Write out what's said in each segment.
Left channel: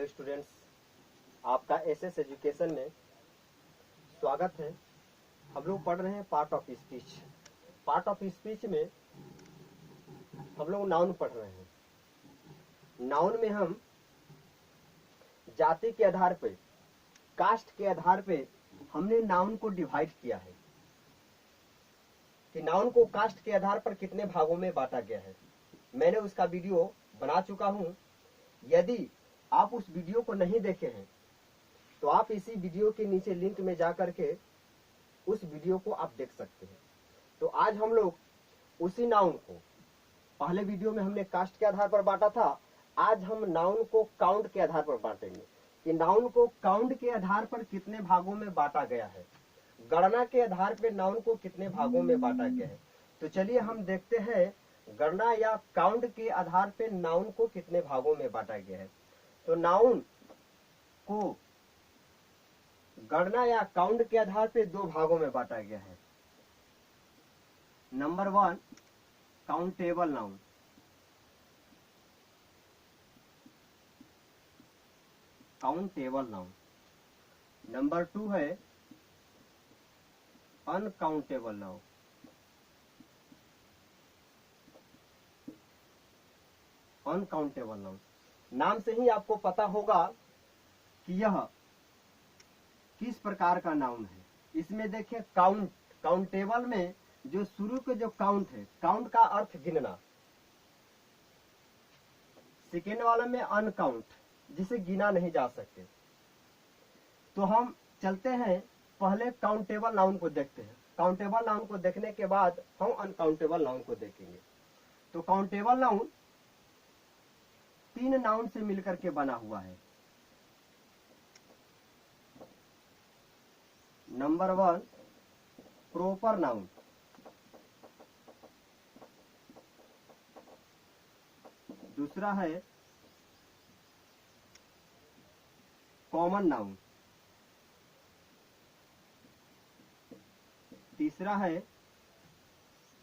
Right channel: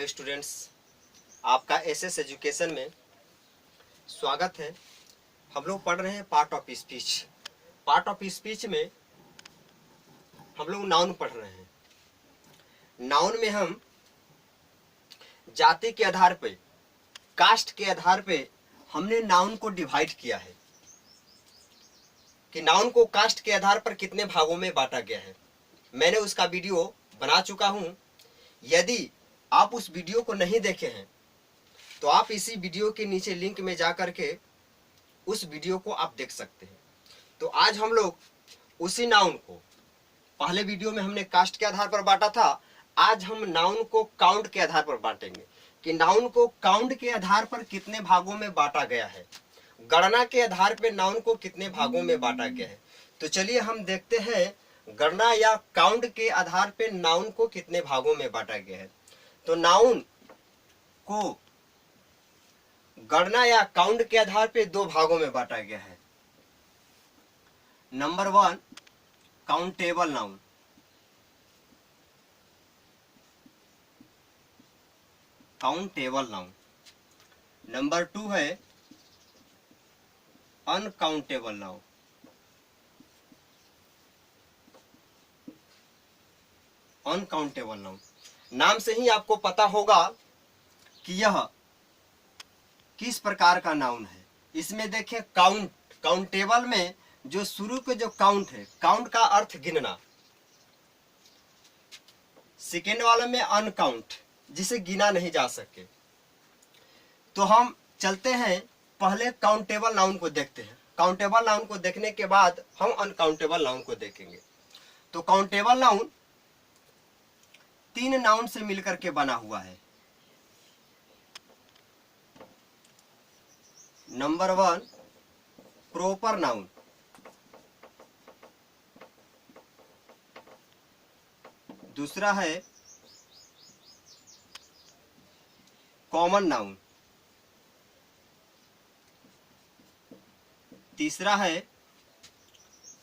Hello students, आपका SS education में स्वागत है। हम लोग पढ़ रहे हैं part of speech. Part of speech में हम लोग नाउन पढ़ रहे हैं। नाउन में हम जाति के आधार पे, कास्ट के आधार पे हमने नाउन को डिवाइड किया है कि नाउन को कास्ट के आधार पर कितने भागों में बांटा गया है। मैंने उसका वीडियो बना चुका हूं। यदि आप उस वीडियो को नहीं देखे हैं तो आप इसी वीडियो के नीचे लिंक में जा करके उस वीडियो को आप देख सकते हैं। तो आज हम लोग उसी नाउन को, पहले वीडियो में हमने कास्ट के आधार पर बांटा था, आज हम नाउन को काउंट के आधार पर बांटेंगे कि नाउन को काउंट के आधार पर कितने भागों में बांटा गया है, गणना के आधार पर नाउन को कितने भागों में बांटा गया है। तो चलिए हम देखते हैं गणना या काउंट के आधार पर नाउन को कितने भागों में बांटा गया है। तो नाउन को गणना या काउंट के आधार पर दो भागों में बांटा गया है। Number 1 countable noun, countable noun. Number 2 है अनकाउंटेबल नाउन, अनकाउंटेबल नाउन। नाम से ही आपको पता होगा कि यह किस प्रकार का नाउन है। इसमें देखिए काउंट, काउंटेबल में जो शुरू के जो काउंट है, काउंट का अर्थ गिनना। सेकेंड वाले में अनकाउंट, जिसे गिना नहीं जा सके। तो हम चलते हैं पहले काउंटेबल नाउन को देखते हैं। काउंटेबल नाउन को देखने के बाद हम अनकाउंटेबल नाउन को देखेंगे। तो काउंटेबल नाउन 3 नाउन से मिलकर के बना हुआ है। नंबर 1 प्रॉपर नाउन, दूसरा है कॉमन नाउन, तीसरा है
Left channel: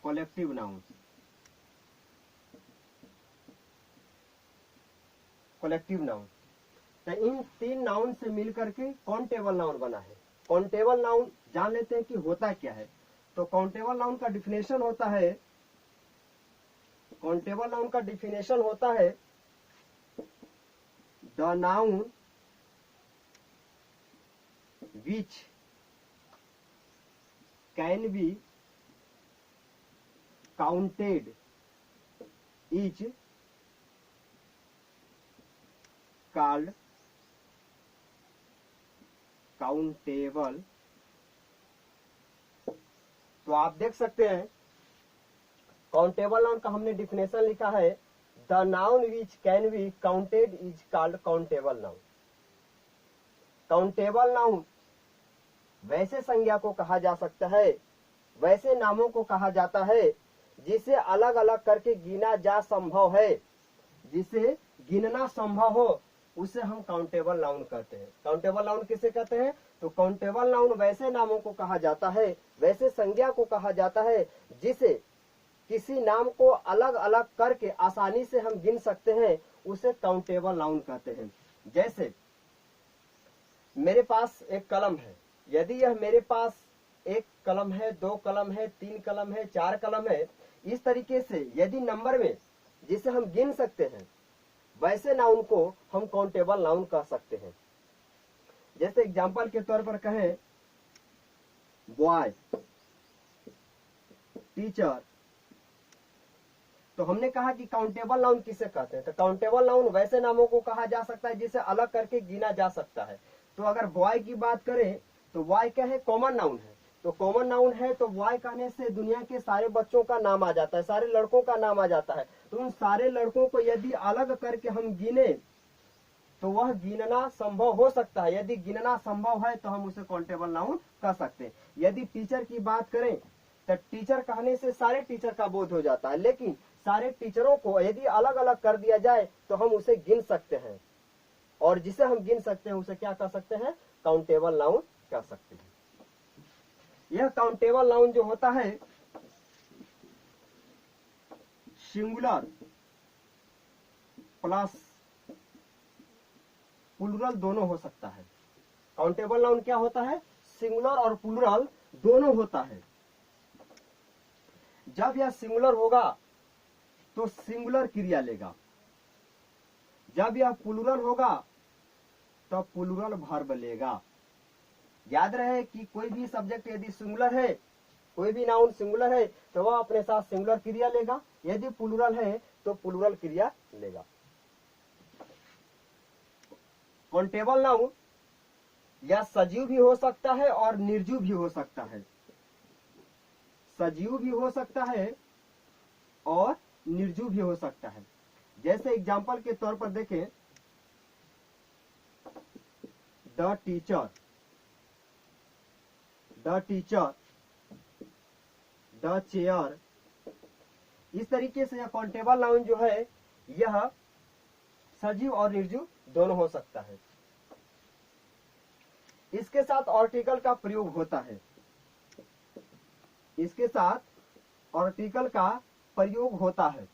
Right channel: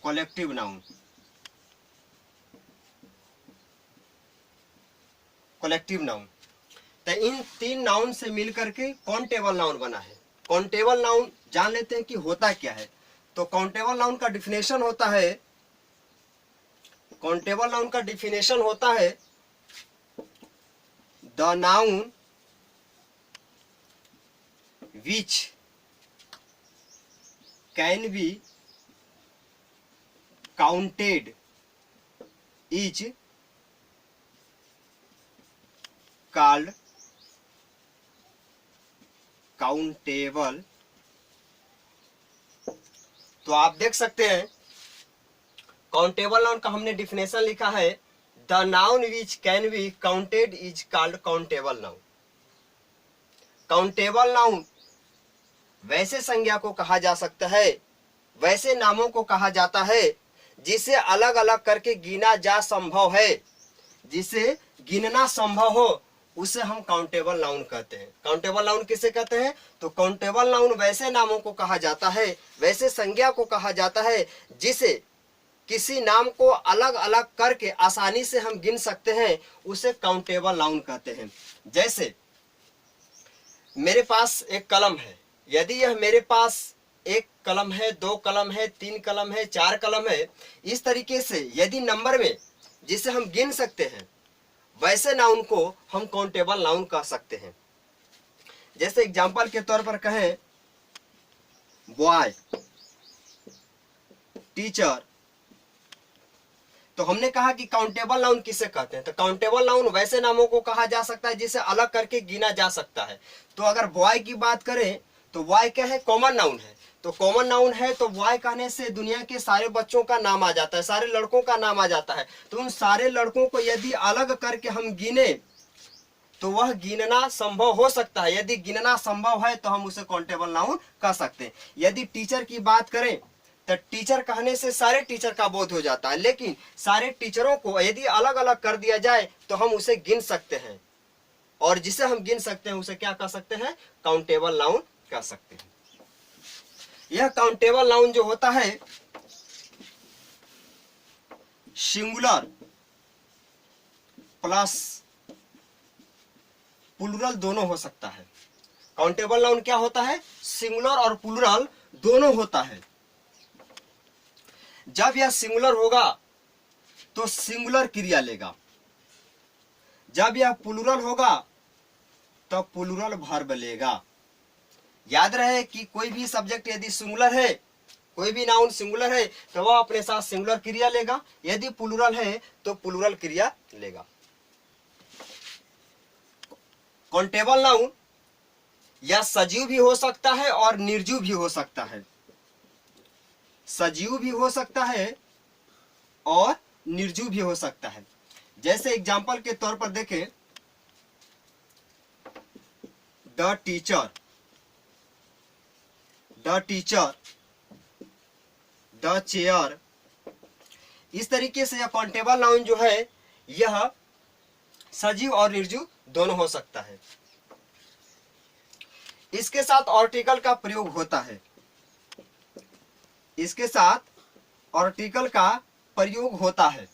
कलेक्टिव नाउन। Collective noun. तो इन 3 नाउन से मिलकर के काउंटेबल नाउन बना है। काउंटेबल नाउन जान लेते हैं कि होता क्या है। तो काउंटेबल नाउन का डिफिनेशन होता है, काउंटेबल नाउन का डिफिनेशन होता है the noun which can be counted is called countable. तो आप देख सकते हैं काउंटेबल नाउन का हमने डिफिनेशन लिखा है, the noun which can be counted is called countable noun. Countable noun वैसे संज्ञा को कहा जा सकता है, वैसे नामों को कहा जाता है जिसे अलग अलग करके गिना जा संभव है, जिसे गिनना संभव हो, उसे हम काउंटेबल नाउन कहते हैं। काउंटेबल नाउन किसे कहते हैं? तो काउंटेबल नाउन वैसे नामों को कहा जाता है, वैसे संज्ञा को कहा जाता है जिसे किसी नाम को अलग अलग करके आसानी से हम गिन सकते हैं, उसे काउंटेबल नाउन कहते हैं। जैसे मेरे पास एक कलम है, यदि यह मेरे पास 1 कलम है, 2 कलम है, 3 कलम है, 4 कलम है, इस तरीके से यदि नंबर में जिसे हम गिन सकते हैं, वैसे नाउन को हम काउंटेबल नाउन कह सकते हैं। जैसे एग्जांपल के तौर पर कहें बॉय, टीचर, तो हमने कहा कि काउंटेबल नाउन किसे कहते हैं। तो काउंटेबल नाउन वैसे नामों को कहा जा सकता है जिसे अलग करके गिना जा सकता है। तो अगर बॉय की बात करें तो बॉय क्या है? कॉमन नाउन है। तो कॉमन नाउन है तो बॉय कहने से दुनिया के सारे बच्चों का नाम आ जाता है, सारे लड़कों का नाम आ जाता है। तो उन सारे लड़कों को यदि अलग करके हम गिने तो वह गिनना संभव हो सकता है। यदि गिनना संभव है तो हम उसे काउंटेबल नाउन कह सकते हैं। यदि टीचर की बात करें तो टीचर कहने से सारे टीचर का बोध हो जाता है, लेकिन सारे टीचरों को यदि अलग अलग कर दिया जाए तो हम उसे गिन सकते हैं, और जिसे हम गिन सकते हैं उसे क्या कह सकते हैं? काउंटेबल नाउन कह सकते हैं। यह काउंटेबल नाउन जो होता है सिंगुलर प्लस प्लूरल दोनों हो सकता है। काउंटेबल नाउन क्या होता है? सिंगुलर और प्लूरल दोनों होता है। जब यह सिंगुलर होगा तो सिंगुलर क्रिया लेगा, जब यह प्लूरल होगा तो प्लूरल वर्ब लेगा। याद रहे कि कोई भी सब्जेक्ट यदि सिंगुलर है, कोई भी नाउन सिंगुलर है तो वह अपने साथ सिंगुलर क्रिया लेगा, यदि प्लूरल है तो प्लूरल क्रिया लेगा। काउंटेबल नाउन या सजीव भी हो सकता है और निर्जीव भी हो सकता है। सजीव भी हो सकता है और निर्जीव भी हो सकता है। जैसे एग्जांपल के तौर पर देखें, the teacher, the teacher, the chair. इस तरीके से यह काउंटेबल नाउन जो है यह सजीव और निर्जीव दोनों हो सकता है। इसके साथ आर्टिकल का प्रयोग होता है, इसके साथ आर्टिकल का प्रयोग होता है।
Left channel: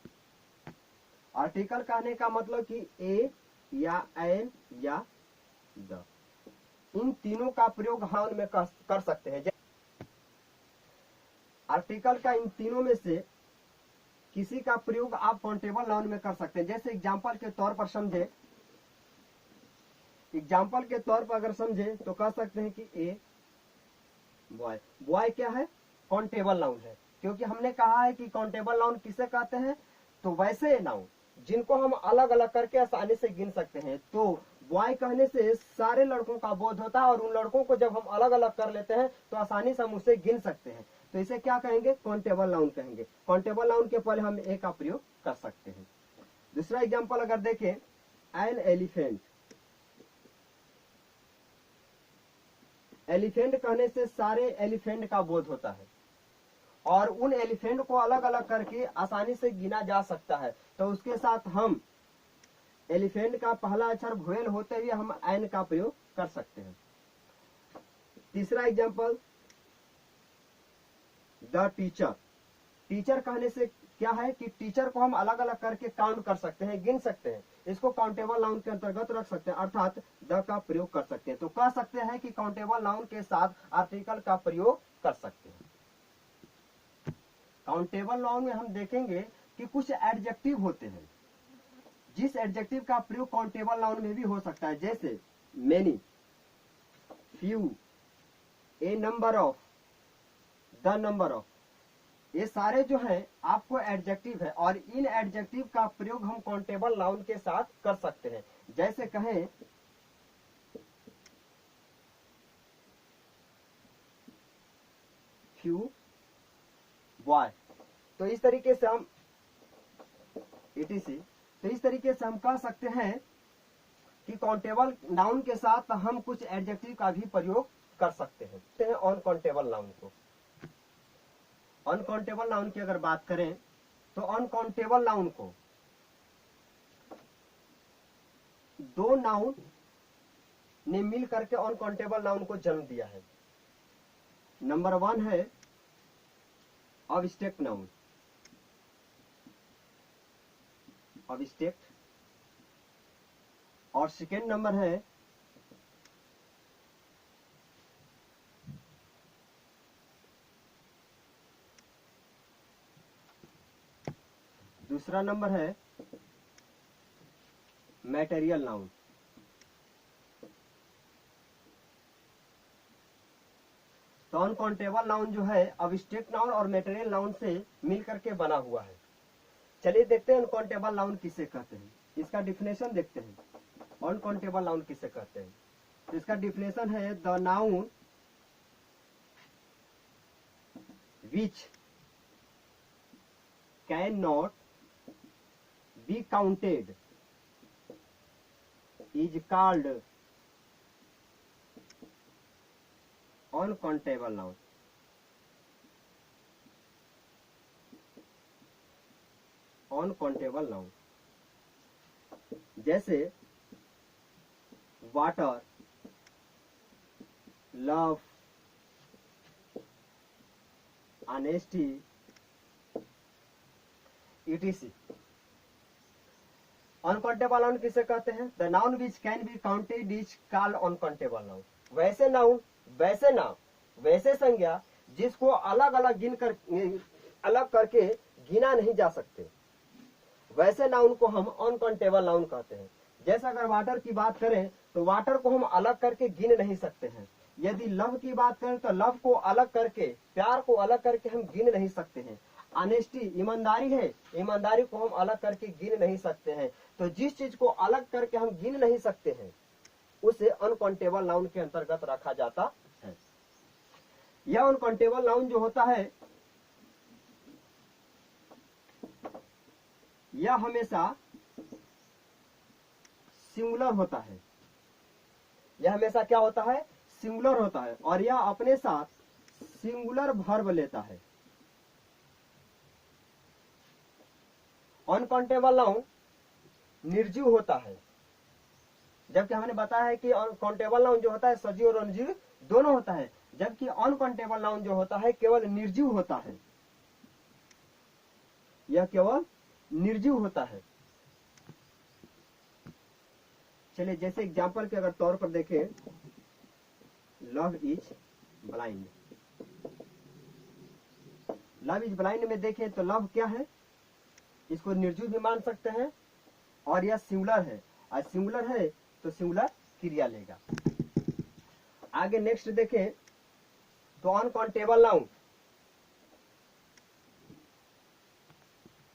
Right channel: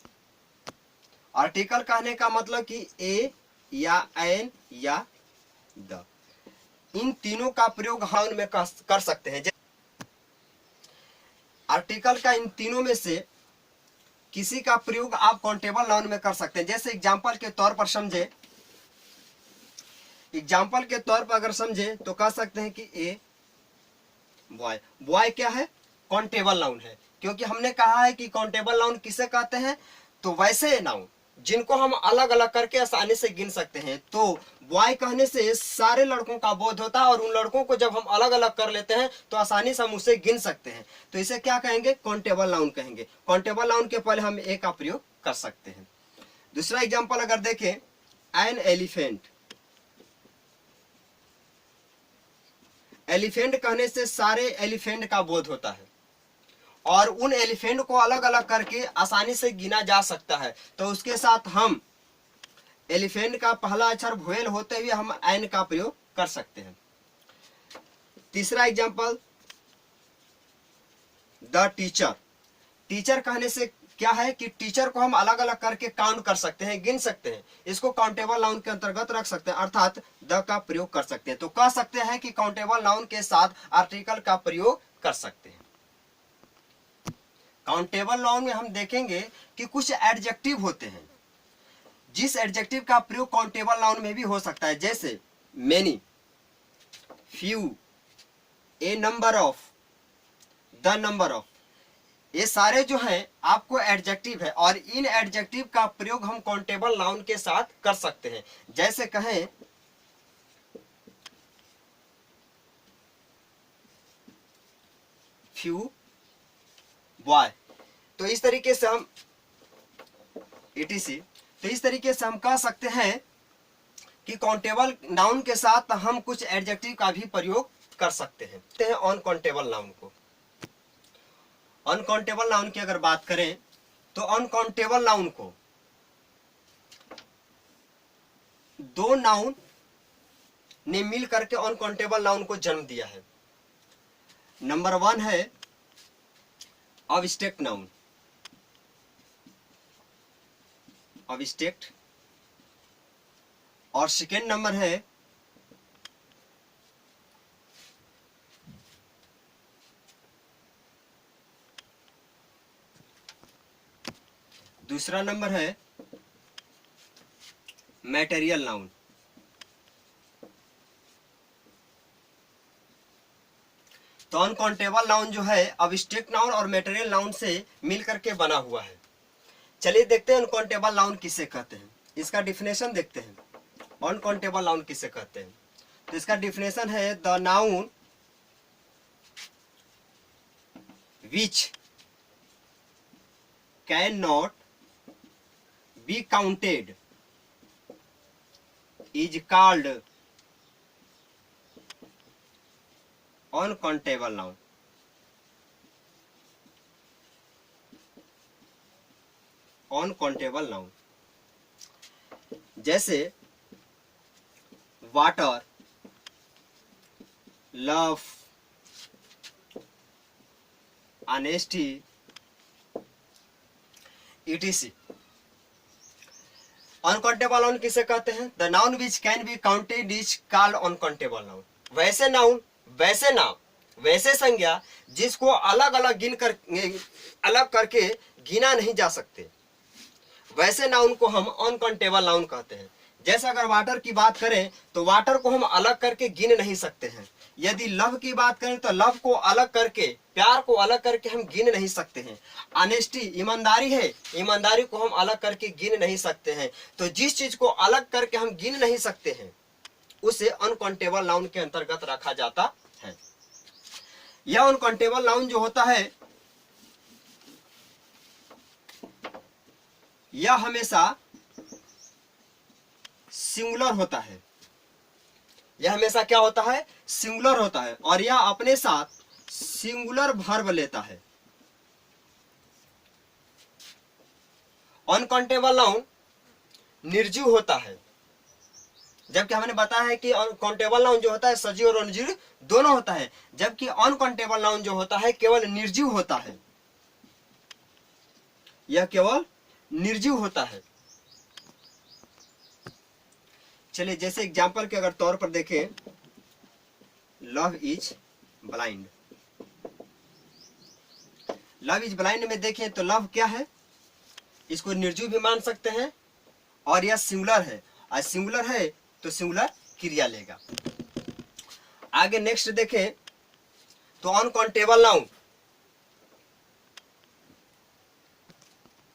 आर्टिकल कहने का मतलब कि ए या एन या द, इन तीनों का प्रयोग हम उनमें कर सकते हैं। आर्टिकल का इन तीनों में से किसी का प्रयोग आप काउंटेबल नाउन में कर सकते हैं। जैसे एग्जांपल के तौर पर समझे, एग्जाम्पल के तौर पर अगर समझे तो कह सकते हैं कि ए बॉय। बॉय क्या है? काउंटेबल नाउन है, क्योंकि हमने कहा है कि काउंटेबल नाउन किसे कहते हैं? तो वैसे नाउन जिनको हम अलग अलग करके आसानी से गिन सकते हैं। तो बॉय कहने से सारे लड़कों का बोध होता है और उन लड़कों को जब हम अलग अलग कर लेते हैं तो आसानी से हम उसे गिन सकते हैं। तो इसे क्या कहेंगे? काउंटेबल नाउन कहेंगे। काउंटेबल नाउन के पहले हम ए का प्रयोग कर सकते हैं। दूसरा एग्जाम्पल अगर देखें, एन एलिफेंट। एलिफेंट कहने से सारे एलिफेंट का बोध होता है और उन एलिफेंट को अलग अलग करके आसानी से गिना जा सकता है। तो उसके साथ हम एलिफेंट का पहला अक्षर वोवेल होते हुए हम एन का प्रयोग कर सकते हैं। तीसरा एग्जांपल, द टीचर। टीचर कहने से क्या है कि टीचर को हम अलग अलग करके काउंट कर सकते हैं, गिन सकते हैं। इसको काउंटेबल नाउन के अंतर्गत रख सकते हैं, अर्थात द का प्रयोग कर सकते हैं। तो कह सकते हैं कि काउंटेबल नाउन के साथ आर्टिकल का प्रयोग कर सकते हैं। काउंटेबल नाउन में हम देखेंगे कि कुछ एडजेक्टिव होते हैं, जिस एडजेक्टिव का प्रयोग काउंटेबल नाउन में भी हो सकता है। जैसे many, few, A number of, the number of. ये सारे जो हैं आपको एडजेक्टिव है और इन एडजेक्टिव का प्रयोग हम काउंटेबल नाउन के साथ कर सकते हैं। जैसे कहें फ्यू बॉय, तो इस तरीके से हम etc, तो इस तरीके से हम कह सकते हैं कि काउंटेबल नाउन के साथ हम कुछ एडजेक्टिव का भी प्रयोग कर सकते हैं। अनकाउंटेबल नाउन को, अनकाउंटेबल नाउन की अगर बात करें तो अनकाउंटेबल नाउन को दो नाउन ने मिल करके अनकाउंटेबल नाउन को जन्म दिया है। नंबर 1 है अब्स्ट्रैक्ट नाउन, अब्स्ट्रैक्ट, और सेकेंड नंबर है दूसरा नंबर है मैटेरियल नाउन। तो अनकाउंटेबल नाउन जो है अब्स्ट्रैक्ट नाउन और मैटेरियल नाउन से मिलकर के बना हुआ है। चलिए देखते हैं अनकाउंटेबल नाउन किसे कहते हैं, इसका डिफिनेशन देखते हैं। अनकाउंटेबल नाउन किसे कहते हैं? तो इसका डिफिनेशन है the noun which can not be counted is called uncountable noun. Uncountable noun जैसे water, love, honesty, etc। Uncountable noun किसे कहते हैं? The noun which can be counted is called uncountable noun. वैसे नाउन, वैसे नाम, वैसे संज्ञा जिसको अलग अलग अलग करके गिना नहीं जा सकते, वैसे नाउन को हम अनकाउंटेबल नाउन कहते हैं। जैसे अगर वाटर की बात करें तो वाटर को हम अलग करके गिन नहीं सकते हैं। यदि लव की बात करें तो लव को अलग करके, प्यार को अलग करके हम गिन नहीं सकते हैं। ऑनेस्टी, ईमानदारी है, ईमानदारी को हम अलग करके गिन नहीं सकते हैं। तो जिस चीज को अलग करके हम गिन नहीं सकते हैं उसे अनकाउंटेबल नाउन के अंतर्गत रखा जाता है। यह अनकाउंटेबल नाउन जो होता है यह हमेशा सिंगुलर होता है। यह हमेशा क्या होता है? सिंगुलर होता है, और यह अपने साथ सिंगुलर वर्ब लेता है। अनकाउंटेबल नाउन निर्जीव होता है, जबकि हमने बताया है कि काउंटेबल नाउन जो होता है सजीव और अनिर्जीव दोनों होता है, जबकि अनकाउंटेबल नाउन जो होता है केवल निर्जीव होता है। यह केवल निर्जीव होता है। चलिए जैसे एग्जाम्पल के अगर तौर पर देखें, love is blind. Love is blind में देखें तो लव क्या है? इसको निर्जीव भी मान सकते हैं, और यह सिंगुलर है, और सिंगुलर है तो सिंगुलर क्रिया लेगा। आगे नेक्स्ट देखें तो अनकाउंटेबल नाउन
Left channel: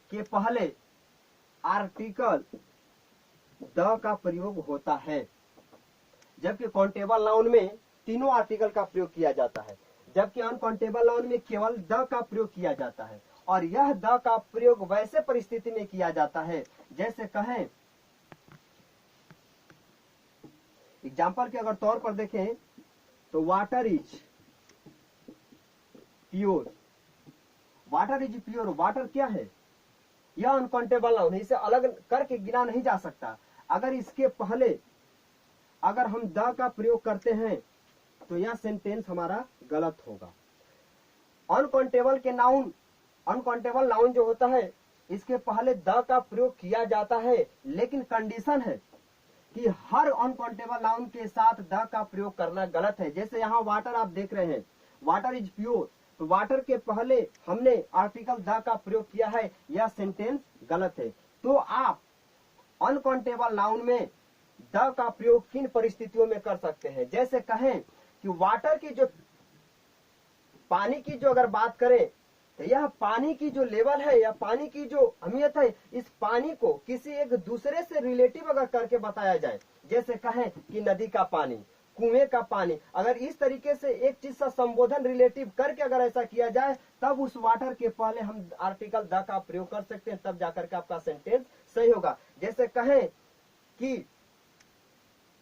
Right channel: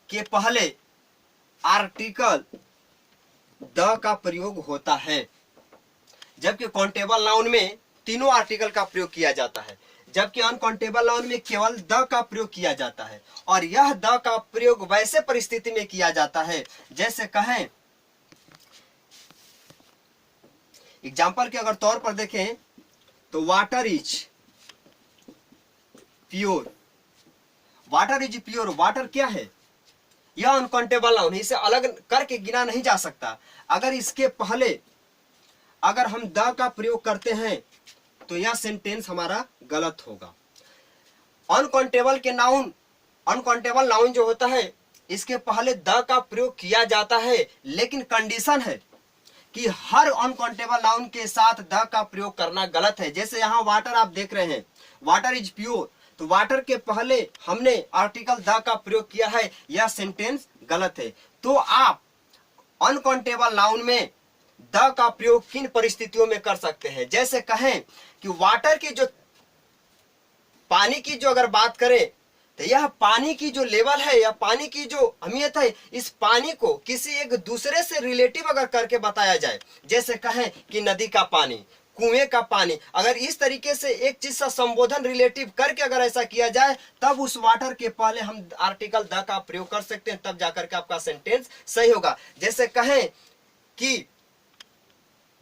के पहले आर्टिकल द का प्रयोग होता है, जबकि काउंटेबल नाउन में तीनों आर्टिकल का प्रयोग किया जाता है, जबकि अनकाउंटेबल नाउन में केवल द का प्रयोग किया जाता है। और यह द का प्रयोग वैसे परिस्थिति में किया जाता है जैसे कहें, एग्जाम्पल के अगर तौर पर देखें तो water is pure. Water is pure, water क्या है? यह अनकाउंटेबल नाउन है, इसे अलग करके गिना नहीं जा सकता। अगर इसके पहले अगर हम द का प्रयोग करते हैं तो यह सेंटेंस हमारा गलत होगा। अनकाउंटेबल नाउन जो होता है इसके पहले द का प्रयोग किया जाता है, लेकिन कंडीशन है कि हर अनकाउंटेबल नाउन के साथ द का प्रयोग करना गलत है। जैसे यहाँ वाटर आप देख रहे हैं, वाटर इज प्योर, तो वाटर के पहले हमने आर्टिकल द का प्रयोग किया है, यह सेंटेंस गलत है। तो आप अनकाउंटेबल नाउन में द का प्रयोग किन परिस्थितियों में कर सकते हैं? जैसे कहें कि वाटर की जो, पानी की जो अगर बात करें तो यह पानी की जो लेवल है या पानी की जो अहमियत है, इस पानी को किसी एक दूसरे से रिलेटिव अगर करके बताया जाए, जैसे कहें कि नदी का पानी, कुएं का पानी, अगर इस तरीके से एक चीज से संबोधन रिलेटिव करके अगर ऐसा किया जाए तब उस वाटर के पहले हम आर्टिकल द का प्रयोग कर सकते हैं, तब जाकर के आपका सेंटेंस सही होगा। जैसे कहें कि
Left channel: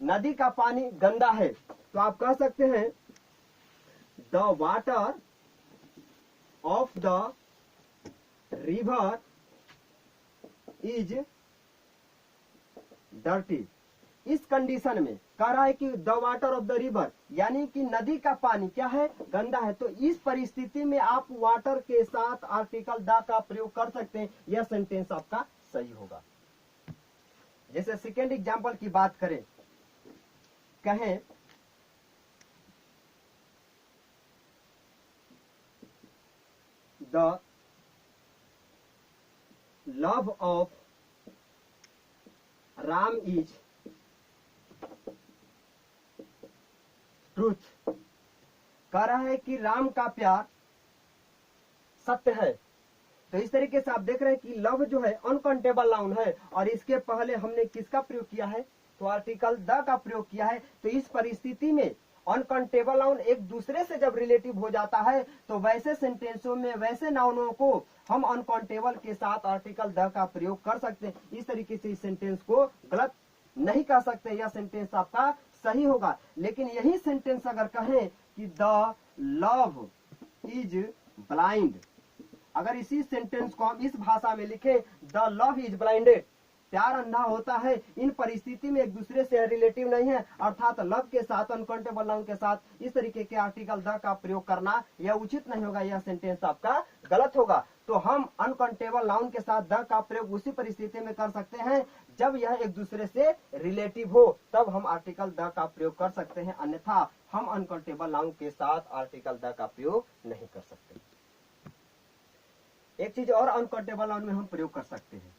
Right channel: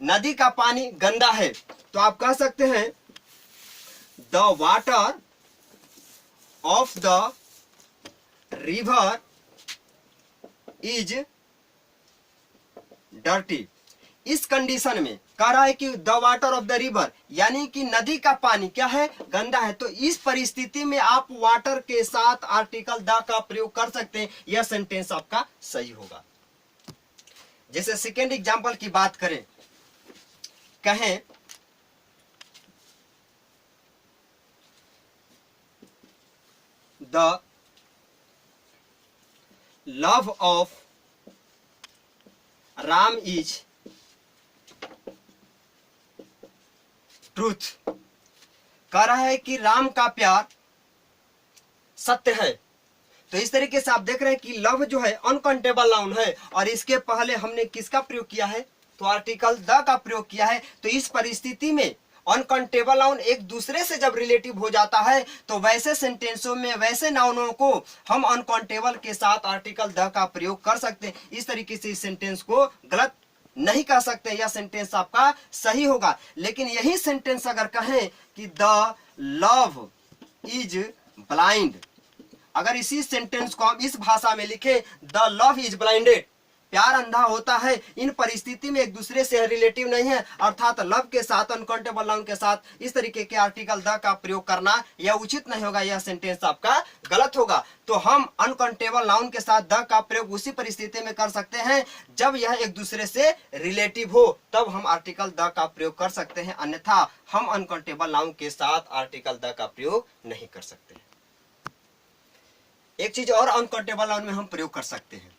नदी का पानी गंदा है, तो आप कह सकते हैं the water of the river is dirty. इस कंडीशन में कह रहा है कि the water of the river, यानी कि नदी का पानी क्या है? गंदा है। तो इस परिस्थिति में आप वाटर के साथ आर्टिकल द का प्रयोग कर सकते हैं, यह सेंटेंस आपका सही होगा। जैसे सेकेंड एग्जांपल की बात करें, कहें the love of Ram is truth. कह रहा है कि राम का प्यार सत्य है। तो इस तरीके से आप देख रहे हैं कि लव जो है अनकाउंटेबल नाउन है, और इसके पहले हमने किसका प्रयोग किया है? तो आर्टिकल द का प्रयोग किया है। तो इस परिस्थिति में अनकाउंटेबल नाउन एक दूसरे से जब रिलेटिव हो जाता है तो वैसे सेंटेंसों में वैसे नाउनों को हम अनकाउंटेबल के साथ आर्टिकल द का प्रयोग कर सकते हैं। इस तरीके से इस सेंटेंस को गलत नहीं कह सकते, यह सेंटेंस आपका सही होगा। लेकिन यही सेंटेंस अगर कहें कि द लव इज ब्लाइंड, अगर इसी सेंटेंस को हम इस भाषा में लिखें द लव इज ब्लाइंडेड, प्यार अंधा होता है। इन परिस्थिति में एक दूसरे से रिलेटिव नहीं है, अर्थात लव के साथ, अनकाउंटेबल नाउन के साथ इस तरीके के आर्टिकल द का प्रयोग करना यह उचित नहीं होगा, यह सेंटेंस आपका गलत होगा। तो हम अनकाउंटेबल नाउन के साथ द का प्रयोग उसी परिस्थिति में कर सकते हैं जब यह एक दूसरे से रिलेटिव हो, तब हम आर्टिकल द का प्रयोग कर सकते हैं, अन्यथा हम अनकाउंटेबल नाउन के साथ आर्टिकल द का प्रयोग नहीं कर सकते। एक चीज और अनकाउंटेबल नाउन में हम प्रयोग कर सकते हैं,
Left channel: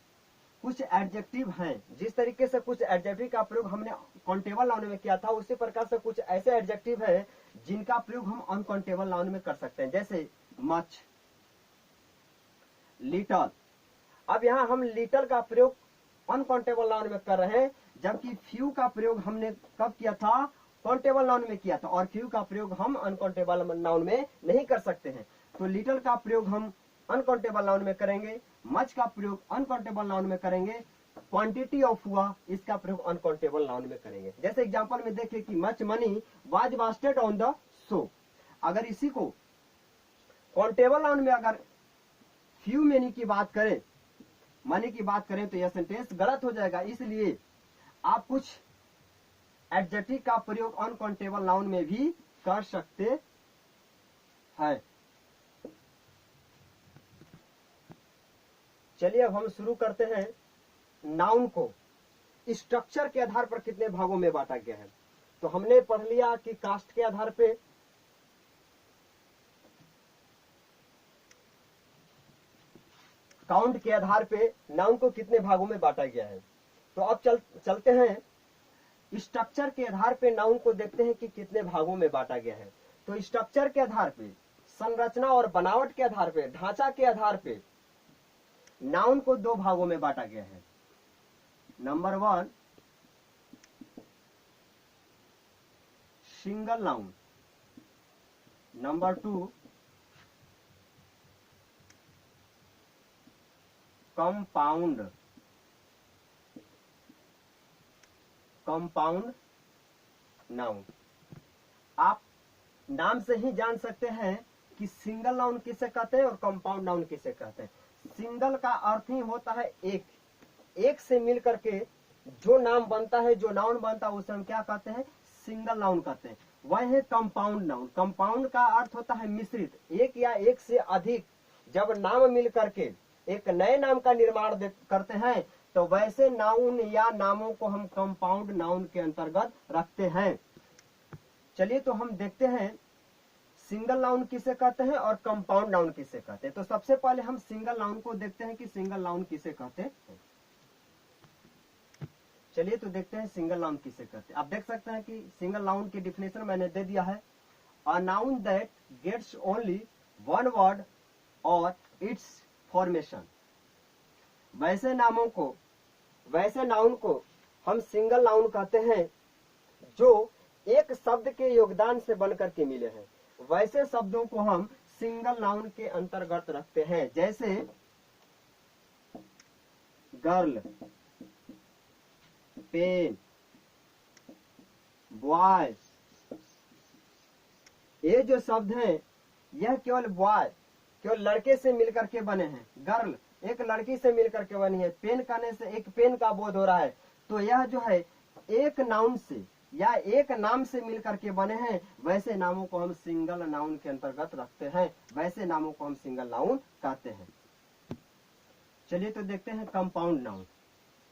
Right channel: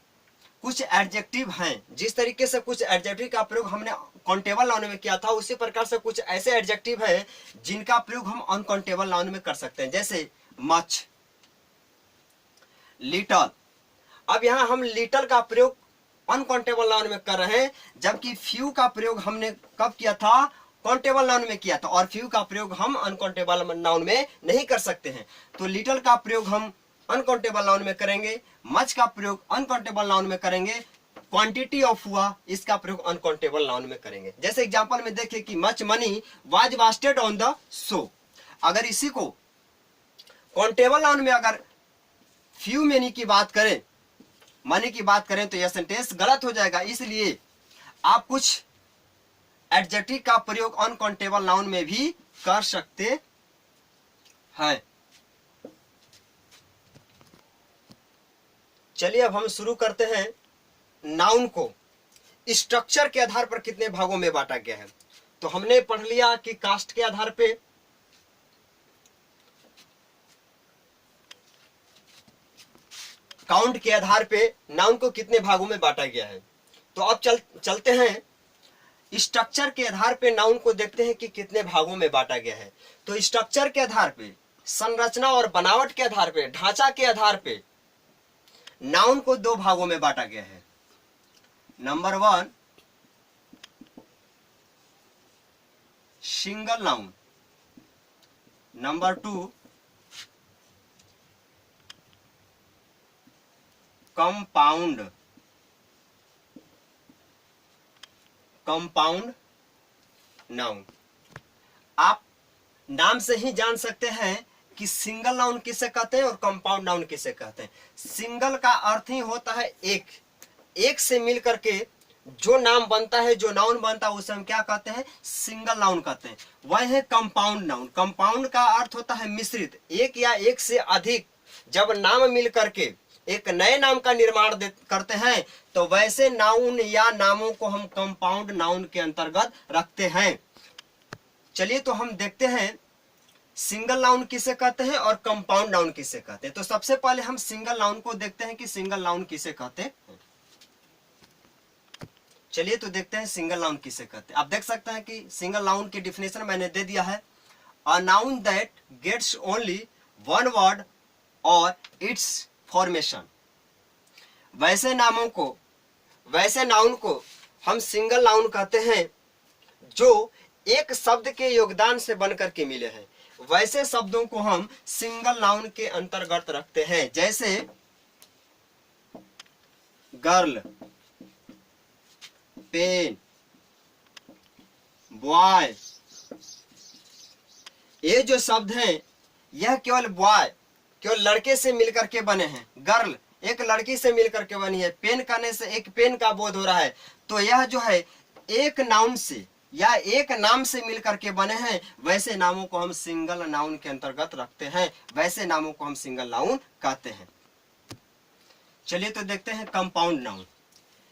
कुछ एडजेक्टिव हैं। जिस तरीके से कुछ एडजेक्टिव का प्रयोग हमने काउंटेबल नाउन में किया था, उसी प्रकार से कुछ ऐसे एडजेक्टिव हैं जिनका प्रयोग हम अनकाउंटेबल नाउन में कर सकते हैं, जैसे मच, लिटल। अब यहाँ हम लिटल का प्रयोग अनकाउंटेबल नाउन में कर रहे हैं, जबकि फ्यू का प्रयोग हमने कब किया था? काउंटेबल नाउन में किया था, और फ्यू का प्रयोग हम अनकाउंटेबल नाउन में नहीं कर सकते हैं। तो लिटल का प्रयोग हम अनकाउंटेबल नाउन में करेंगे, मच का प्रयोग अनकाउंटेबल नाउन में करेंगे, क्वांटिटी ऑफ हुआ इसका प्रयोग अनकाउंटेबल नाउन में करेंगे। जैसे एग्जांपल में देखें कि much money was wasted on the show. अगर इसी को काउंटेबल नाउन में अगर फ्यू मनी की बात करें, मनी की बात करें, तो यह सेंटेंस गलत हो जाएगा। इसलिए आप कुछ एडजेक्टिव का प्रयोग अनकाउंटेबल नाउन में भी कर सकते हैं। चलिए अब हम शुरू करते हैं। नाउन को स्ट्रक्चर के आधार पर कितने भागों में बांटा गया है? तो हमने पढ़ लिया कि कास्ट के आधार पे, काउंट के आधार पे नाउन को कितने भागों में बांटा गया है। तो अब चलते हैं स्ट्रक्चर के आधार पे नाउन को देखते हैं कि कितने भागों में बांटा गया है। तो स्ट्रक्चर के आधार पे, संरचना और बनावट के आधार पे, ढांचा के आधार पे नाउन को दो भागों में बांटा गया है। Number 1 single noun, number 2 compound noun. आप नाम से ही जान सकते हैं कि सिंगल नाउन किसे कहते हैं और कंपाउंड नाउन किसे कहते हैं। सिंगल का अर्थ ही होता है एक से मिल करके जो नाम बनता है, जो नाउन बनता है, उसे हम क्या कहते हैं? सिंगल नाउन कहते हैं। वह है कंपाउंड नाउन। कंपाउंड का अर्थ होता है मिश्रित, एक या एक से अधिक जब नाम मिल करके एक नए नाम का निर्माण करते हैं, तो वैसे नाउन या नामों को हम कंपाउंड नाउन के अंतर्गत रखते हैं। चलिए तो हम देखते हैं सिंगल नाउन किसे कहते हैं और कंपाउंड नाउन किसे कहते हैं। तो सबसे पहले हम सिंगल नाउन को देखते हैं कि सिंगल नाउन किसे कहते हैं। चलिए तो देखते हैं सिंगल नाउन किसे कहते हैं। आप देख सकते हैं कि सिंगल नाउन की डिफिनेशन मैंने दे दिया है, a noun that gets only one word और इट्स फॉर्मेशन। वैसे नाउन को हम सिंगल नाउन कहते हैं जो एक शब्द के योगदान से बनकर के मिले हैं। वैसे शब्दों को हम सिंगल नाउन के अंतर्गत रखते हैं, जैसे गर्ल, पेन, बॉय। ये जो शब्द हैं यह केवल बॉय, केवल लड़के से मिलकर के बने हैं। गर्ल एक लड़की से मिलकर के बनी है, पेन कहने से एक पेन का बोध हो रहा है। तो यह जो है एक नाउन से या एक नाम से मिलकर के बने हैं। वैसे नामों को हम सिंगल नाउन के अंतर्गत रखते हैं, वैसे नामों को हम सिंगल नाउन कहते हैं। चलिए तो देखते हैं कंपाउंड नाउन।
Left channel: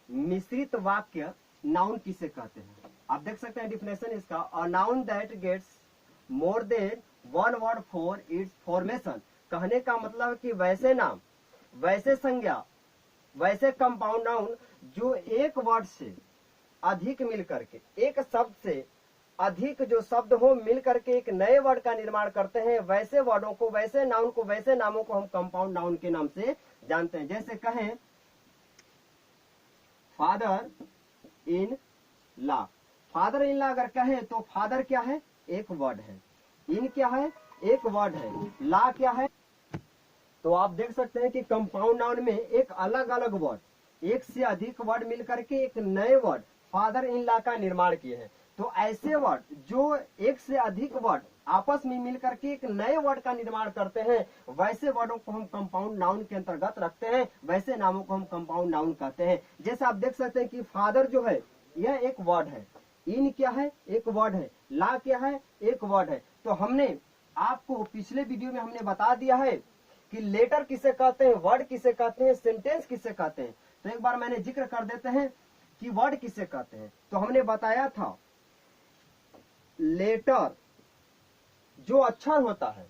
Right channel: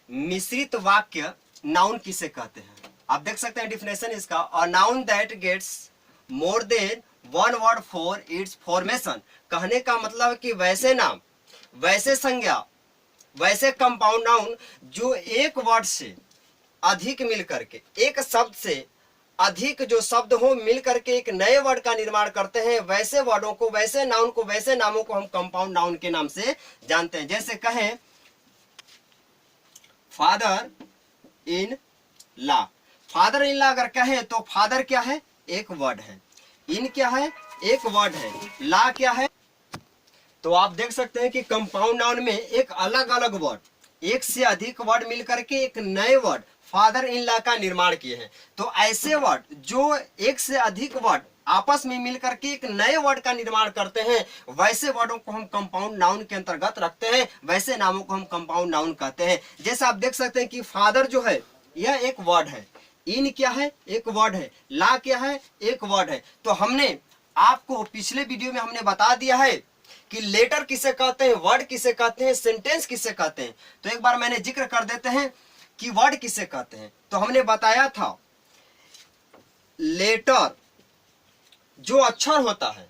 मिश्रित वाक्य नाउन किसे कहते हैं? आप देख सकते हैं डिफिनेशन इसका, a noun that gets more than one word for its formation. कहने का मतलब कि वैसे नाम, वैसे संज्ञा, वैसे कंपाउंड नाउन जो एक वर्ड से अधिक मिल करके, एक शब्द से अधिक जो शब्द हो मिल करके एक नए वर्ड का निर्माण करते हैं, वैसे वर्डों को, वैसे नाउन को, वैसे नामों को हम कंपाउंड नाउन के नाम से जानते हैं। जैसे कहें father in law. Father in law अगर कहें तो फादर क्या है? एक वर्ड है। इन क्या है? एक वर्ड है। लॉ क्या है? तो आप देख सकते हैं कि कंपाउंड नाउन में एक अलग अलग वर्ड, एक से अधिक वर्ड मिलकर के एक नए वर्ड फादर इन लॉ का निर्माण किए हैं। तो ऐसे वर्ड जो एक से अधिक वर्ड आपस में मिलकर के एक नए वर्ड का निर्माण करते हैं, वैसे वर्डों को हम कंपाउंड नाउन के अंतर्गत रखते हैं, वैसे नामों को हम कंपाउंड नाउन कहते हैं। जैसे आप देख सकते हैं कि फादर जो है यह एक वर्ड है, इन क्या है, एक वर्ड है, ला क्या है, एक वर्ड है। तो हमने आपको पिछले वीडियो में हमने बता दिया है कि लेटर किसे कहते हैं, वर्ड किसे कहते हैं, सेंटेंस किसे कहते हैं। तो एक बार मैंने जिक्र कर देते हैं कि वर्ड किसे कहते हैं। तो हमने बताया था लेटर जो अक्षर होता है,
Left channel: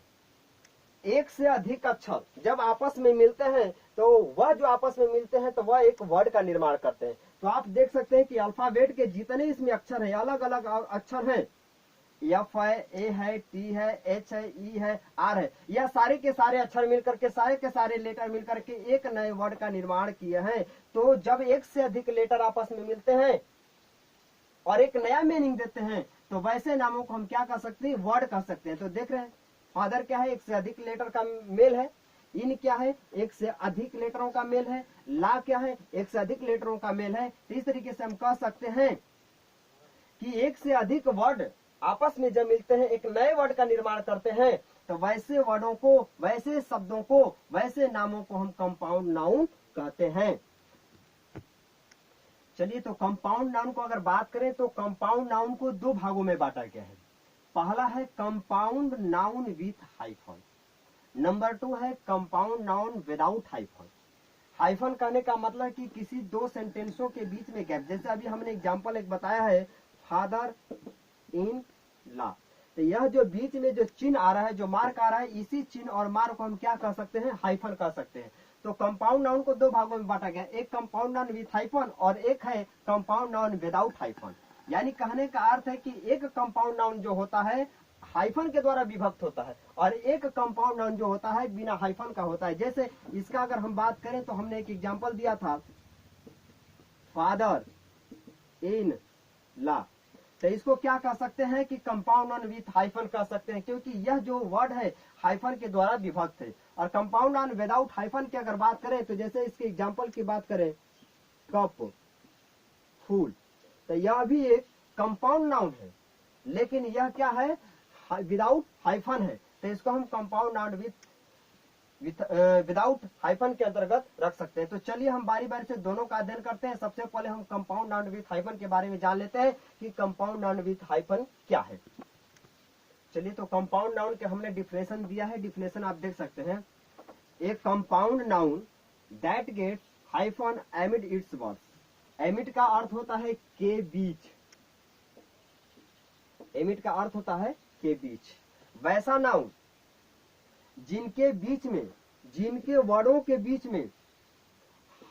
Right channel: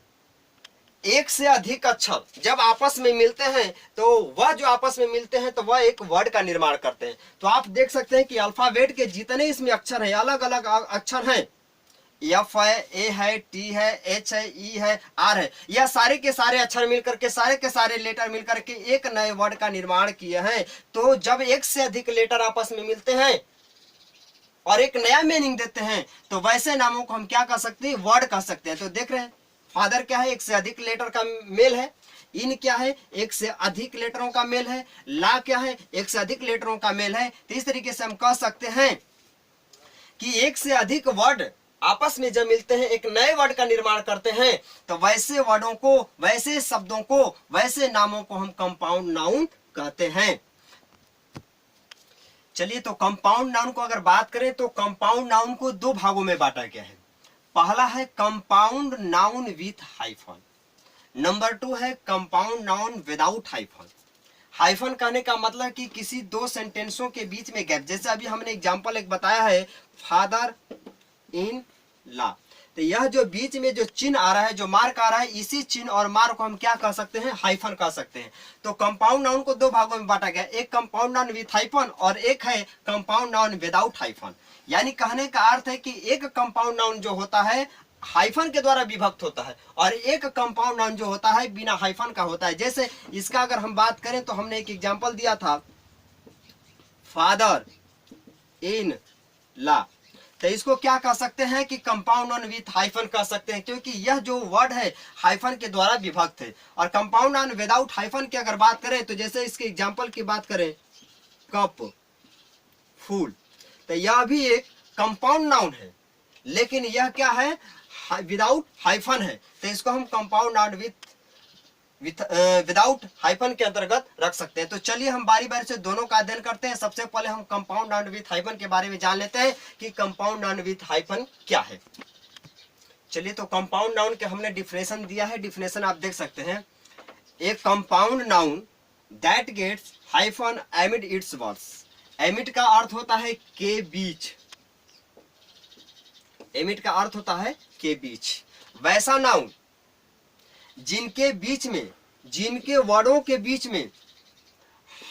एक से अधिक अक्षर जब आपस में मिलते हैं तो वह जो आपस में मिलते हैं तो वह एक वर्ड का निर्माण करते हैं। तो आप देख सकते हैं कि अल्फाबेट के जितने इसमें अक्षर हैं, अलग अलग अक्षर हैं, एफ है, ए है, टी है, एच है, ई है, आर है, यह सारे के सारे अक्षर मिलकर के, सारे के सारे लेटर मिलकर के एक नए वर्ड का निर्माण किए हैं। तो जब एक से अधिक लेटर आपस में मिलते हैं और एक नया मीनिंग देते हैं तो वैसे नामों को हम क्या कह सकते हैं, वर्ड कह सकते हैं। तो देख रहे हैं फादर क्या है, एक से अधिक लेटर का मेल है, इन क्या है, एक से अधिक लेटरों का मेल है, ला क्या है, एक से अधिक लेटरों का मेल है। तो इस तरीके से हम कह सकते हैं कि एक से अधिक वर्ड आपस में जब मिलते हैं एक नए वर्ड का निर्माण करते हैं तो वैसे वर्डों को, वैसे शब्दों को, वैसे नामों को हम कंपाउंड नाउन कहते हैं। चलिए, तो कंपाउंड नाउन को अगर बात करें तो कंपाउंड नाउन को दो भागों में बांटा गया है। पहला है compound noun with hyphen, number 2 है compound noun without hyphen. Hyphen कहने का मतलब कि किसी दो सेंटेंसों के बीच में गैप, जैसे अभी हमने एग्जांपल एक बताया है फादर इन ला, तो यह जो बीच में जो चिन्ह आ रहा है, जो मार्क आ रहा है, इसी चिन्ह और मार्क को हम क्या कह सकते हैं, हाइफन कह सकते हैं। तो कंपाउंड नाउन को दो भागों में बांटा गया, एक कंपाउंड नाउन विथ हाइफन और एक है कंपाउंड नाउन विदाउट हाइफन। यानी कहने का अर्थ है कि एक कंपाउंड नाउन जो होता है हाइफन के द्वारा विभक्त होता है और एक कंपाउंड नाउन जो होता है बिना हाइफन का होता है। जैसे इसका अगर हम बात करें तो हमने एक एग्जांपल दिया था फादर इन ला, तो इसको क्या कह सकते हैं कि कंपाउंड नाउन विथ हाइफन कह सकते हैं, क्योंकि यह जो वर्ड है हाइफन के द्वारा विभक्त है। और कंपाउंड नाउन विदाउट हाइफन की अगर बात करें तो जैसे इसके एग्जांपल की बात करें कप, फूल, तो यह भी एक कंपाउंड नाउन है, लेकिन यह क्या है, विदाउट हाइफन है। तो इसको हम कंपाउंड नाउन विदाउट हाइफन के अंतर्गत रख सकते हैं। तो चलिए हम बारी बारी से दोनों का अध्ययन करते हैं। सबसे पहले हम कंपाउंड नाउन विथ हाइफन के बारे में जान लेते हैं कि कंपाउंड नाउन विथ हाइफन क्या है। चलिए, तो कंपाउंड नाउन के हमने डिफिनेशन दिया है, डिफिनेशन आप देख सकते हैं। एक compound noun that gets hyphen amid its words. Amid का अर्थ होता है के बीच, एमिड का अर्थ होता है के बीच। वैसा नाउन जिनके बीच में, जिनके वर्डों के बीच में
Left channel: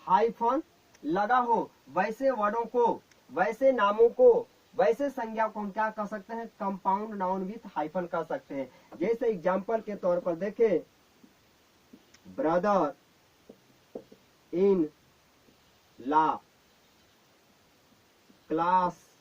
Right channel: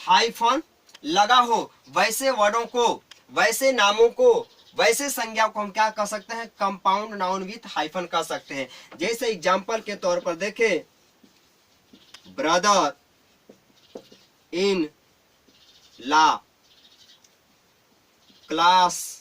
हाइफन लगा हो, वैसे वर्डों को, वैसे नामों को, वैसे संज्ञा को हम क्या कह सकते हैं, कंपाउंड नाउन विथ हाइफन कह सकते हैं। जैसे एग्जांपल के तौर पर देखें brother in law, class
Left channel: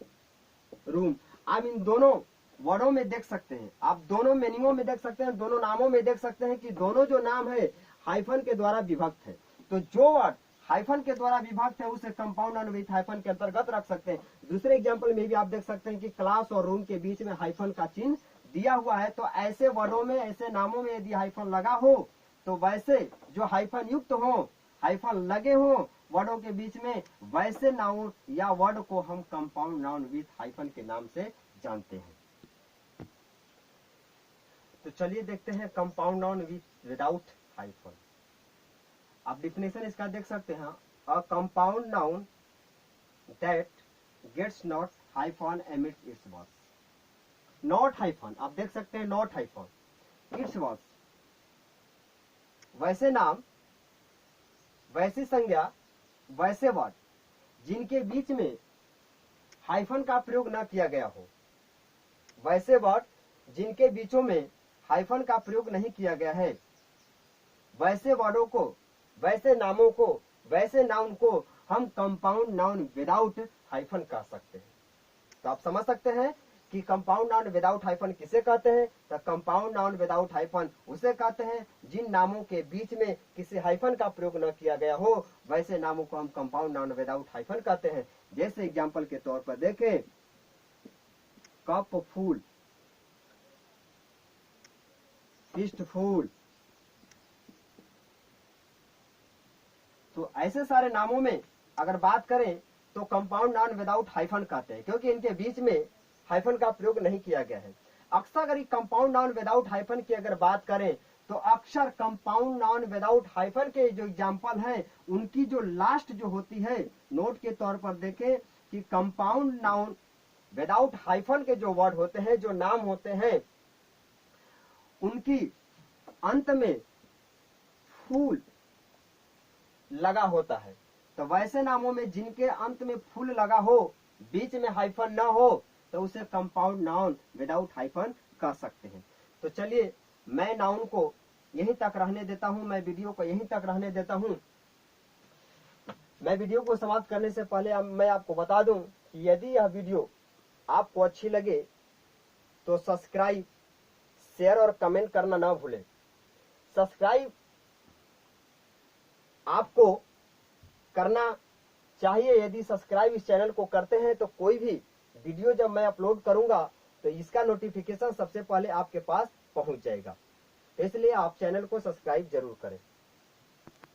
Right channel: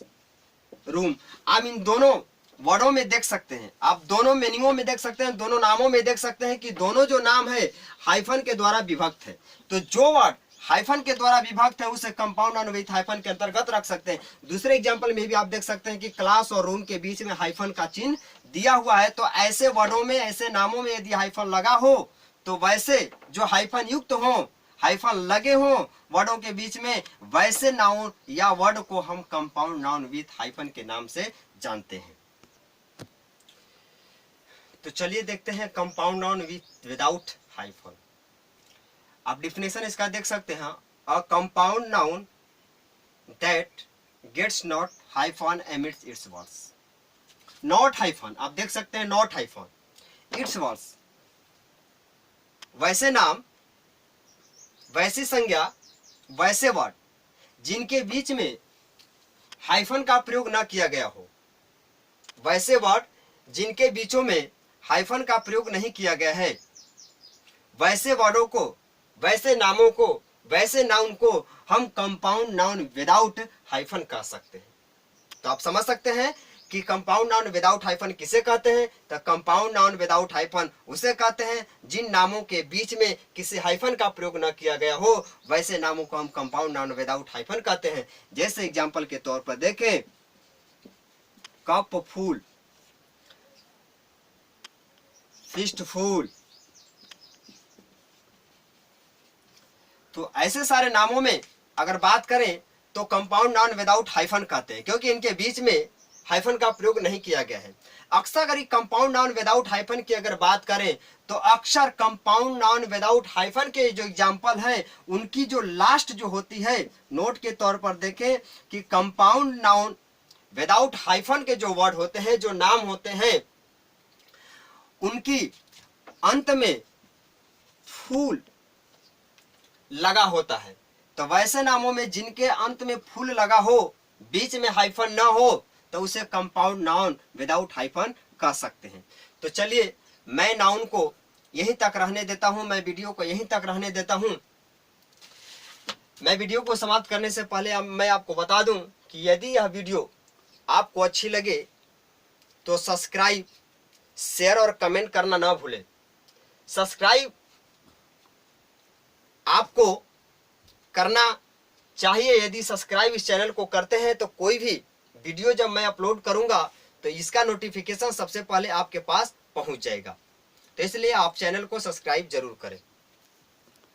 room. आप इन दोनों वर्डों में देख सकते हैं, आप दोनों मीनिंगों में देख सकते हैं, दोनों नामों में देख सकते हैं कि दोनों जो नाम है हाइफन के द्वारा विभक्त है। तो जो वर्ड हाइफन के द्वारा विभक्त है उसे कंपाउंड नाउन विथ हाइफन के अंतर्गत रख सकते हैं। दूसरे एग्जांपल में भी आप देख सकते हैं कि क्लास और रूम के बीच में हाइफन का चिन्ह दिया हुआ है। तो ऐसे वर्डों में, ऐसे नामों में यदि हाइफन लगा हो तो वैसे जो हाइफन युक्त हो, हाइफन लगे हो वर्डों के बीच में, वैसे नाउन या वर्ड को हम कंपाउंड नाउन विथ हाइफन के नाम से जानते हैं। तो चलिए देखते हैं कंपाउंड नाउन विदाउट हाइफन। आप डिफिनेशन इसका देख सकते हैं, a compound noun that gets not hyphen amidst its words. Not hyphen, आप देख सकते हैं नॉट हाइफन, इट्स वर्ड्स, वैसे नाम, वैसी संज्ञा, वैसे वर्ड जिनके बीच में हाइफन का प्रयोग न किया गया हो, वैसे वर्ड जिनके बीचों में हाइफन का प्रयोग नहीं किया गया है, वैसे वर्डों को, वैसे नामों को, वैसे नाउन को हम कंपाउंड नाउन विदाउट हाइफन कह सकते हैं। तो आप समझ सकते हैं कि कंपाउंड नाउन विदाउट हाइफन किसे कहते हैं। तो कंपाउंड नाउन विदाउट हाइफन उसे कहते हैं जिन नामों के बीच में किसी हाइफन का प्रयोग न किया गया हो, वैसे नामों को हम कंपाउंड नाउन विदाउट हाइफन कहते हैं। जैसे एग्जांपल के तौर पर देखें कप, फूल, पीस्टफुल। तो ऐसे सारे नामों में अगर बात करें तो कंपाउंड नाउन विदाउट हाइफन कहते हैं, क्योंकि इनके बीच में हाइफन का प्रयोग नहीं किया गया है। अक्सर अगर कंपाउंड नाउन विदाउट हाइफन की अगर बात करें तो अक्सर कंपाउंड नाउन विदाउट हाइफन के जो एग्जाम्पल है उनकी जो लास्ट जो होती है, नोट के तौर पर देखें कि कंपाउंड नाउन विदाउट हाइफन के जो वर्ड होते हैं, जो नाम होते हैं, उनकी अंत में फूल लगा होता है। तो वैसे नामों में जिनके अंत में फूल लगा हो, बीच में हाइफन ना हो, तो उसे कंपाउंड नाउन विदाउट हाइफन कह सकते हैं। तो चलिए मैं नाउन को यहीं तक रहने देता हूं, मैं वीडियो को यहीं तक रहने देता हूं। मैं वीडियो को समाप्त करने से पहले मैं आपको बता दूं कि यदि यह वीडियो आपको अच्छी लगे तो सब्सक्राइब, शेयर और कमेंट करना ना भूलें। सब्सक्राइब आपको करना चाहिए। यदि सब्सक्राइब इस चैनल को करते हैं तो कोई भी वीडियो जब मैं अपलोड करूंगा तो इसका नोटिफिकेशन सबसे पहले आपके पास पहुंच जाएगा। तो इसलिए आप चैनल को सब्सक्राइब जरूर करें।